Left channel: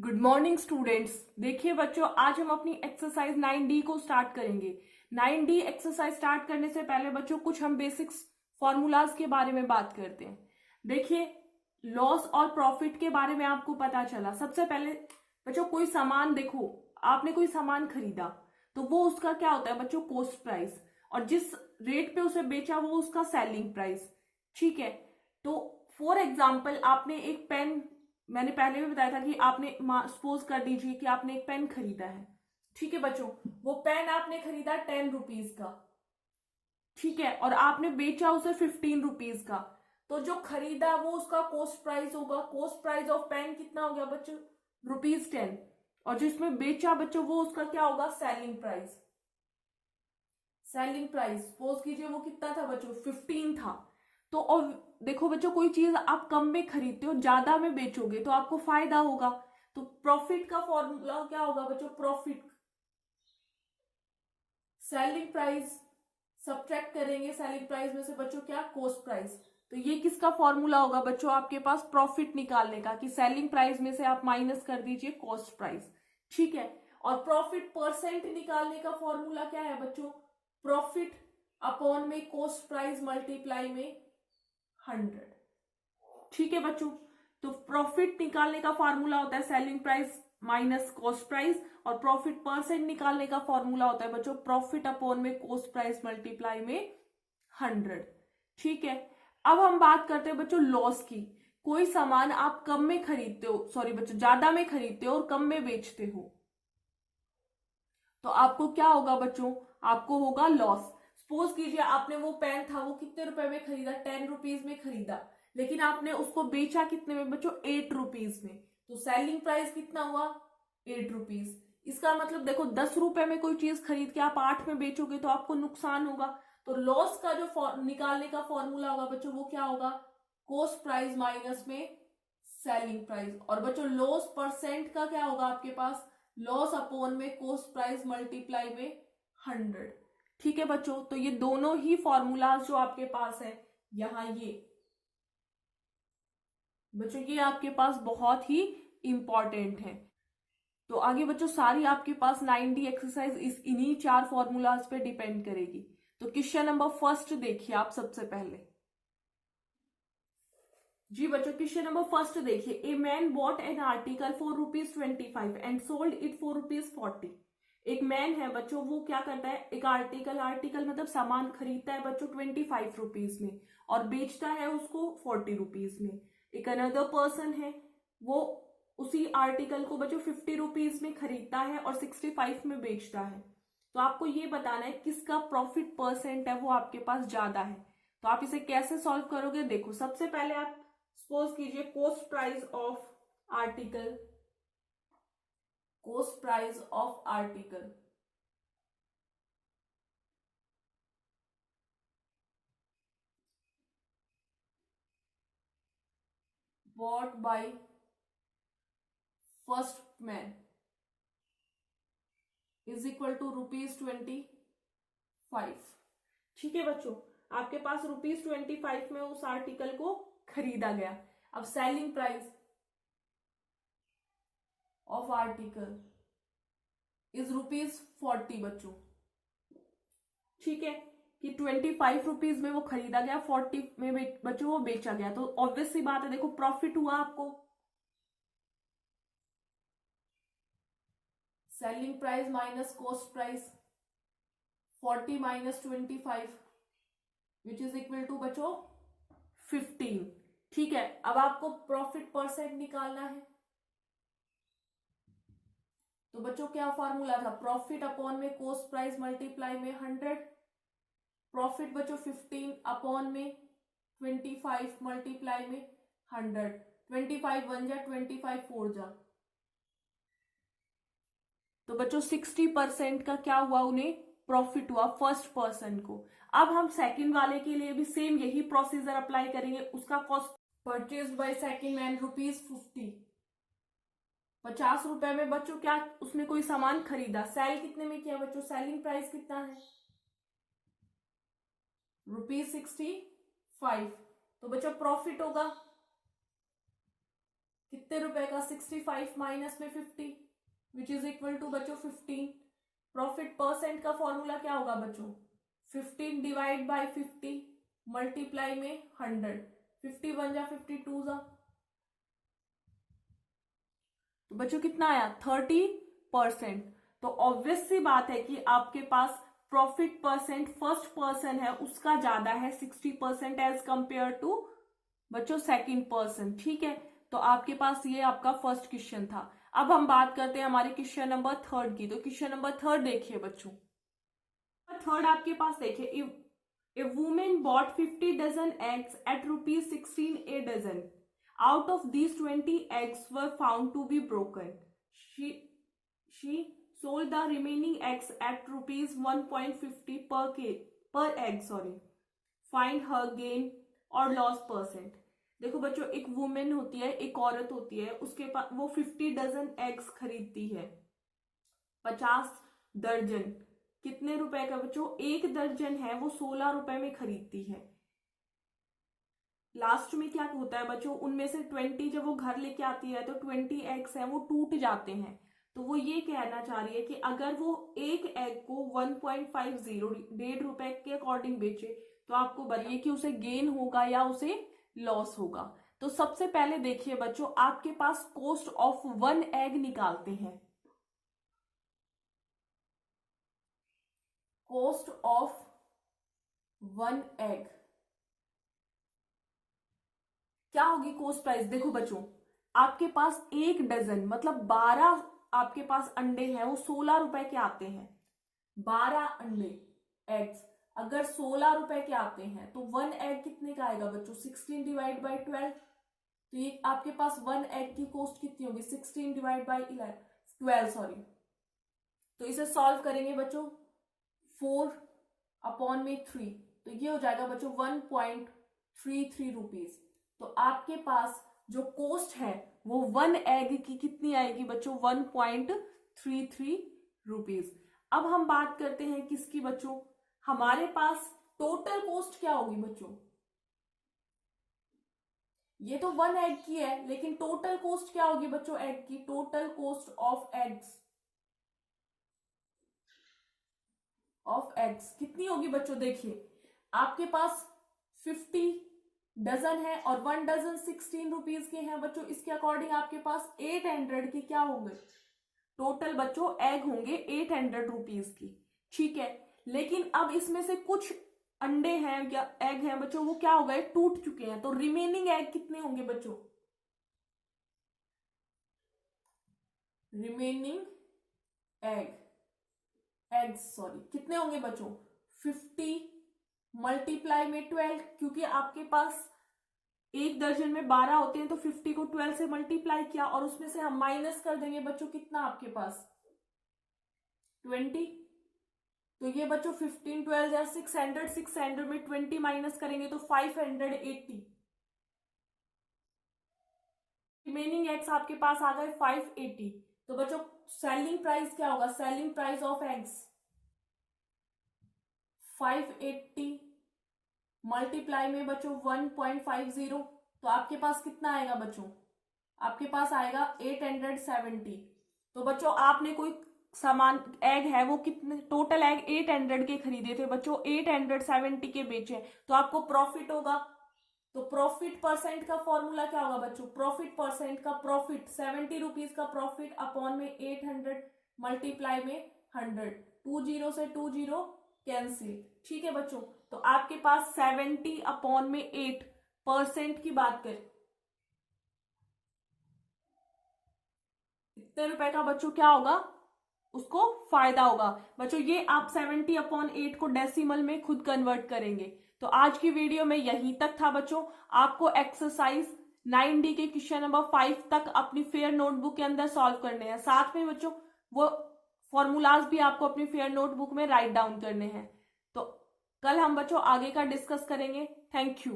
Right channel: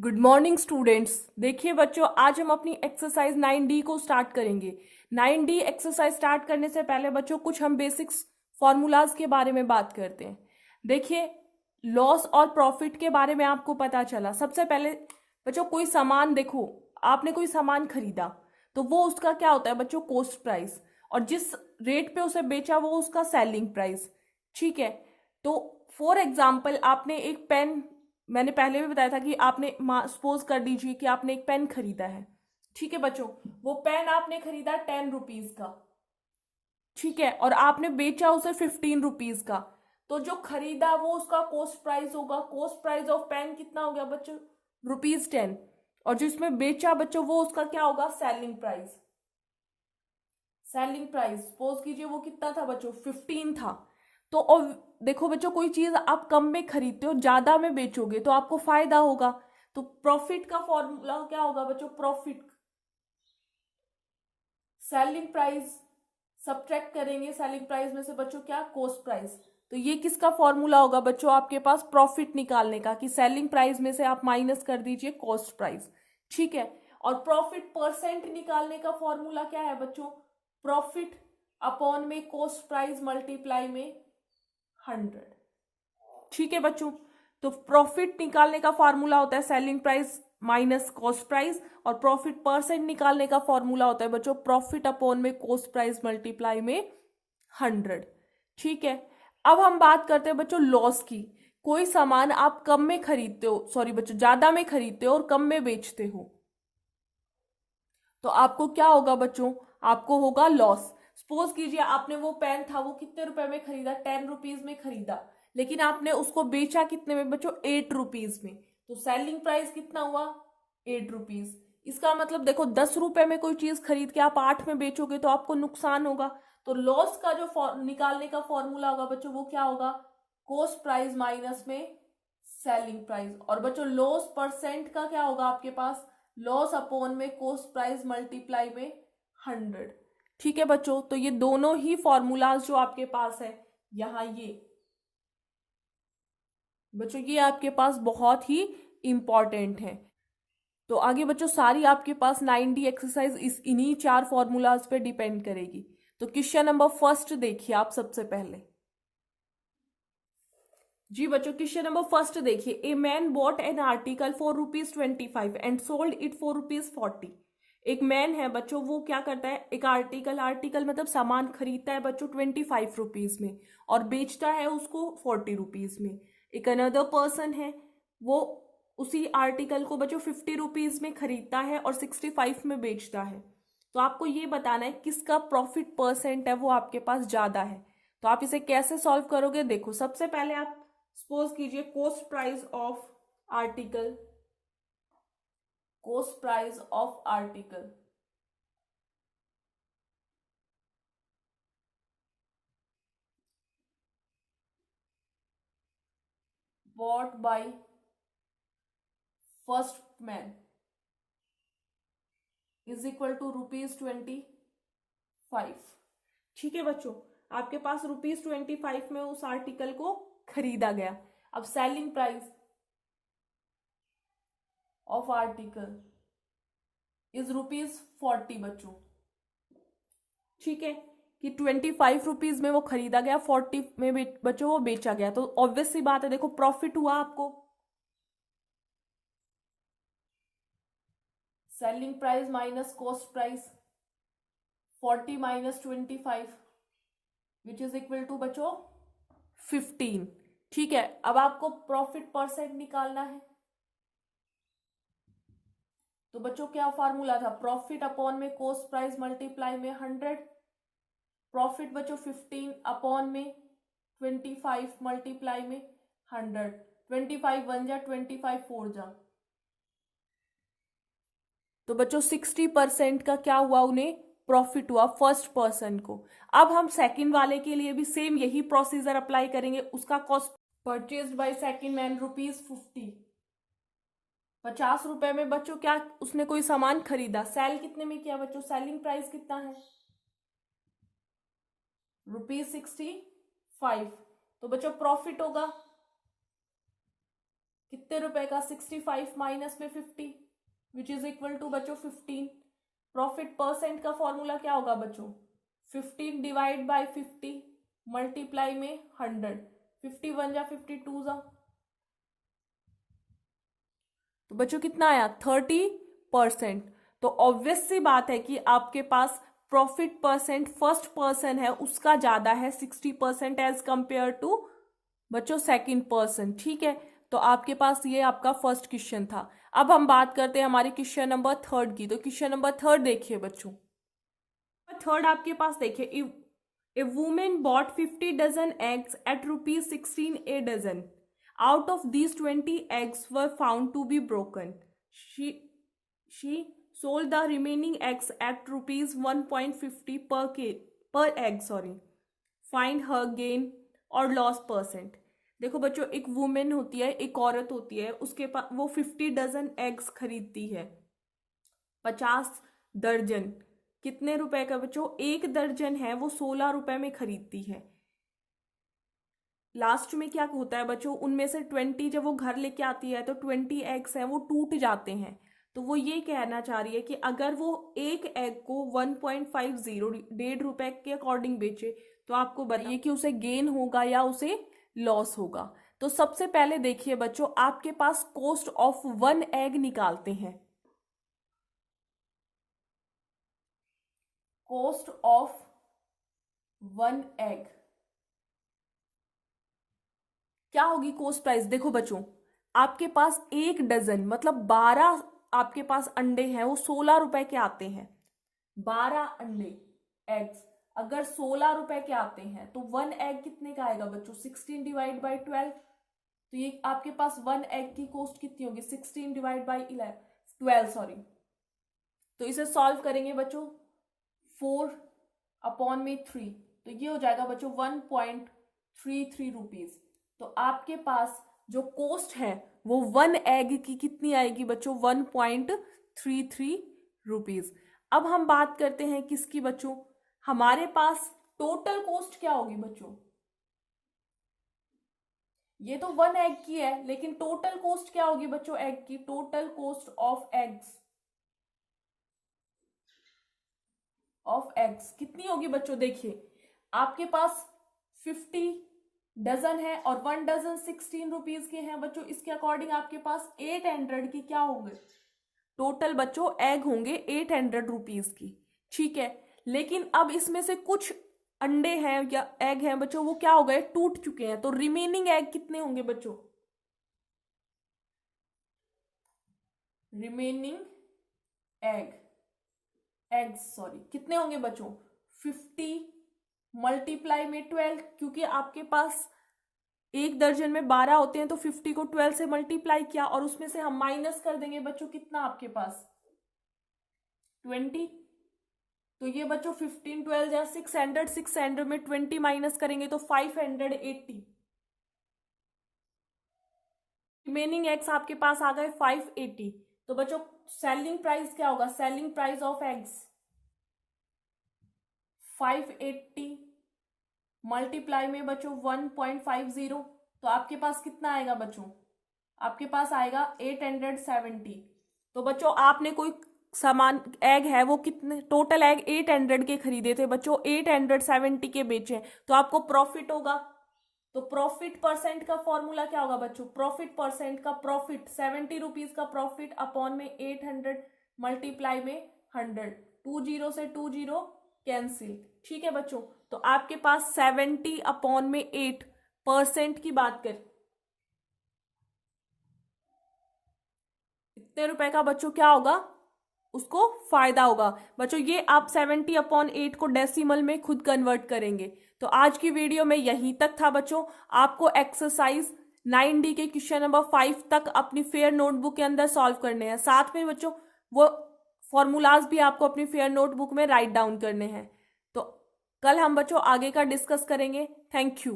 Good morning students. देखिए बच्चों, आज हम अपनी एक्सरसाइज 9D को स्टार्ट करेंगे। 9D एक्सरसाइज स्टार्ट करने से पहले बच्चों कुछ हम बेसिक्स फॉर्मूलाज के बारे में बात करते हैं। देखिए, लॉस और प्रॉफिट के बारे में आपको पता चला। सबसे पहले बच्चों, कोई सामान देखो, आपने कोई सामान खरीदा तो वो उसका क्या होता है बच्चों? Cost price. और जिस रेट पे उसे बेचा वो उसका सेलिंग प्राइस। ठीक है। तो फॉर एग्जाम्पल, आपने एक पेन, मैंने पहले भी बताया था कि आपने सपोज कर लीजिए कि आपने एक पेन खरीदा है। ठीक है बच्चों, वो पेन आपने खरीदा 10 रुपीज का। ठीक है, और आपने बेचा उसे 15 रुपीज का। तो जो खरीदा वो उसका कॉस्ट प्राइस होगा। कॉस्ट प्राइस ऑफ पेन कितना हो गया बच्चों? ₹10। और जिसमें बेचा बच्चों वो उसका क्या होगा? Selling price. Selling price suppose कीजिए वो कितना था बच्चों? 15 था। तो और देखो बच्चों, कोई चीज आप कम में खरीदते हो, ज्यादा में बेचोगे तो आपको फायदा होगा। तो प्रॉफिट का फॉर्मूला क्या होगा बच्चों? प्रॉफिट, सेलिंग प्राइस, सब्ट्रैक्ट करेंगे सेलिंग प्राइस में से बच्चों क्या? Cost price. तो ये किसका फॉर्मूला होगा बच्चों आपके पास? प्रॉफिट निकालने का, कि सेलिंग प्राइस में से आप माइनस कर दीजिए कॉस्ट प्राइस। ठीक है। और प्रॉफिट परसेंट निकालने का फॉर्मूला क्या है बच्चों? प्रॉफिट अपॉन में कॉस्ट प्राइस मल्टीप्लाई में 100। ठीक है बच्चों, तो प्रॉफिट निकालने का फॉर्मूला होता है selling price minus cost price, और प्रॉफिट परसेंट निकालने का फॉर्मूला होता है बच्चों प्रॉफिट अपॉन में कॉस्ट प्राइस मल्टीप्लाई में 100। ठीक है। अब हम बात करते हैं बच्चों लॉस की। कोई सामान आप कम में खरीदते हो, सॉरी बच्चों, ज्यादा में खरीदते हो और कम में बेचते हो, तो आपको क्या होगा बच्चों? आपको होगा लॉस। सपोज कीजिए आपने वो पेन था, वो कितने रुपए में खरीदा? 10 रुपीज में खरीदा, लेकिन आपने उसको बेचा कितने में बच्चों? 8 रुपीज में। तो सेलिंग प्राइस कितना हुआ? 8 रुपीज। इसका मतलब देखो, 10 रुपए में कोई चीज खरीद के आप 8 में बेचोगे तो आपको नुकसान होगा। तो लॉस का जो निकालने का फॉर्मूला होगा बच्चों वो क्या होगा? कॉस्ट प्राइस माइनस में सेलिंग प्राइस। और बच्चों लॉस परसेंट का क्या होगा आपके पास? लॉस अपॉन में कॉस्ट प्राइस मल्टीप्लाई में 100। ठीक है बच्चों, तो ये दोनों ही फॉर्मूलाज जो आपके पास है यहाँ, ये बच्चों ये आपके पास बहुत ही इंपॉर्टेंट है। तो आगे बच्चों सारी आपके पास 9D एक्सरसाइज इस इन्हीं 4 फॉर्मूलाज पे डिपेंड करेगी। तो क्वेश्चन नंबर फर्स्ट देखिए आप सबसे पहले। जी बच्चों, क्वेश्चन नंबर फर्स्ट देखिए। A man bot an article for ₹25 and sold it for ₹40। एक मैन है बच्चों, वो क्या करता है? एक आर्टिकल मतलब सामान खरीदता है बच्चों 25 रुपीज में और बेचता है उसको 40 रुपीज में। एक अनदर पर्सन है, वो उसी आर्टिकल को बच्चों 50 रुपीज में खरीदता है और 65 में बेचता है। तो आपको ये बताना है किसका प्रॉफिट परसेंट है वो आपके पास ज्यादा है। तो आप इसे कैसे सॉल्व करोगे? देखो, सबसे पहले आप सपोज कीजिए cost price of article, cost price of article bought by first man is equal to ₹25। ठीक है बच्चों, आपके पास ₹25 में उस आर्टिकल को खरीदा गया। अब selling price of article is ₹40 बच्चों। ठीक है, कि 25 रुपीज में वो खरीदा गया, 40 में बच्चों वो बेचा गया। तो ऑब्वियस सी बात है, देखो प्रॉफिट हुआ आपको। Selling price minus cost price, 40 minus 25 which is equal to बच्चों 15। ठीक है, अब आपको प्रॉफिट परसेंट निकालना है। तो बच्चों क्या फॉर्मूला था? प्रॉफिट अपॉन में कॉस्ट प्राइस मल्टीप्लाई में 100। प्रॉफिट बच्चों 15 अपॉन में 25 मल्टीप्लाई में 100। 25 1 जा, 25 4 जा, तो बच्चों 60% का क्या हुआ? उन्हें प्रॉफिट हुआ फर्स्ट पर्सन को। अब हम सेकंड वाले के लिए भी सेम यही प्रोसीजर अप्लाई करेंगे। उसका cost purchase by second man ₹50। 50 रुपए में बच्चों क्या उसने कोई सामान खरीदा, सेल कितने में किया बच्चों? सेलिंग प्राइस कितना है? ₹65। तो बच्चों प्रॉफिट होगा कितने रुपए का? 65 माइनस में 50 विच इज इक्वल टू बच्चों 15। प्रॉफिट परसेंट का फॉर्मूला क्या होगा बच्चों? 15 डिवाइड बाय 50 मल्टीप्लाई में 100। 51 जा 52 जा, तो बच्चों कितना आया? 30%। तो ऑब्वियस सी बात है कि आपके पास प्रॉफिट परसेंट फर्स्ट पर्सन है उसका ज्यादा है 60% एज कंपेयर टू बच्चों सेकंड पर्सन। ठीक है, तो आपके पास ये आपका फर्स्ट क्वेश्चन था। अब हम बात करते हैं हमारे क्वेश्चन नंबर 3 की। तो क्वेश्चन नंबर 3 देखिए बच्चों, 3 आपके पास देखिए, a women bought 50 dozen eggs at ₹16 a dozen. Out of these 20 eggs were found to be broken. She sold the remaining eggs at ₹1.50 per egg. Find her gain or loss percent. देखो बच्चों, एक women होती है, एक औरत होती है, उसके पास वो 50 डजन एग्स खरीदती है, 50 दर्जन। कितने रुपए का बच्चों? एक दर्जन है वो 16 रुपए में खरीदती है। लास्ट में क्या होता है बच्चों, उनमें से 20 जब वो घर लेके आती है तो 20 एग्स हैं वो टूट जाते हैं। तो वो ये कहना चाह रही है कि अगर वो एक एग को 1.50 ₹1.50 के अकॉर्डिंग बेचे तो आपको बताइए कि उसे गेन होगा या उसे लॉस होगा। तो सबसे पहले देखिए बच्चों, आपके पास कॉस्ट ऑफ 1 एग निकालते हैं। कॉस्ट ऑफ 1 एग क्या होगी? Cost price. देखो बच्चों, आपके पास एक डजन मतलब 12 आपके पास अंडे हैं, वो 16 रुपए के आते हैं। 12 अंडे एग्स अगर 16 रुपए के आते हैं तो 1 एग कितने का आएगा बच्चों? 16 डिवाइड बाई 12। तो ये आपके पास 1 एग की कॉस्ट कितनी होगी? 16 डिवाइड बाई 12 तो इसे सॉल्व करेंगे बच्चों, 4/3, तो ये हो जाएगा बच्चों 1.33 रुपीज। तो आपके पास जो कॉस्ट है वो 1 एग की कितनी आएगी बच्चों? 1.33 रुपीज। अब हम बात करते हैं किसकी बच्चों? हमारे पास टोटल कॉस्ट क्या होगी बच्चों? ये तो 1 एग की है, लेकिन टोटल कॉस्ट क्या होगी बच्चों एग की? टोटल कॉस्ट ऑफ एग्स कितनी होगी बच्चों? देखिए, आपके पास 50 डजन है और 1 डजन 16 रुपीज के हैं बच्चों। इसके अकॉर्डिंग आपके पास 800 की क्या होंगे? टोटल बच्चों एग होंगे 800 रुपीज की। ठीक है, लेकिन अब इसमें से कुछ अंडे हैं या एग हैं बच्चों, वो क्या हो गए? टूट चुके हैं। तो रिमेनिंग एग कितने होंगे बच्चों? रिमेनिंग एग्स कितने होंगे बच्चों? 50 मल्टीप्लाई में 12, क्योंकि आपके पास एक दर्जन में 12 होते हैं तो 50 को 12 से मल्टीप्लाई किया और उसमें से हम माइनस कर देंगे बच्चों कितना आपके पास? 20। तो ये बच्चों 15 12 या 600 में 20 माइनस करेंगे तो 580। रिमेनिंग एग्स आपके पास आ गए 580। तो बच्चों सेलिंग प्राइस क्या होगा? Selling price of eggs 580 multiply में बच्चों 1.50, तो आपके पास कितना आएगा बच्चों? आपके पास आएगा 870। तो बच्चों आपने कोई सामान एग है वो कितने टोटल एग 800 के खरीदे थे बच्चों, 870 के बेचे, तो आपको प्रॉफिट होगा। तो प्रॉफिट परसेंट का फॉर्मूला क्या होगा बच्चों? प्रॉफिट परसेंट का प्रॉफिट 70 रुपीज का प्रॉफिट अपॉन में 800 मल्टीप्लाई में 100, 20 से 20 कैंसिल। ठीक है बच्चों, तो आपके पास 70/8% की बात करें, इतने रुपए का बच्चों क्या होगा? उसको फायदा होगा। बच्चों ये आप 70/8 को डेसिमल में खुद कन्वर्ट करेंगे। तो आज की वीडियो में यहीं तक था बच्चों। आपको एक्सरसाइज 9D के क्वेश्चन नंबर 5 तक अपनी फेयर नोटबुक के अंदर सॉल्व करने हैं। साथ में बच्चों वो फॉर्मूलाज भी आपको अपनी फेयर नोटबुक में राइट डाउन करने हैं। तो कल हम बच्चों आगे का डिस्कस करेंगे। Thank you.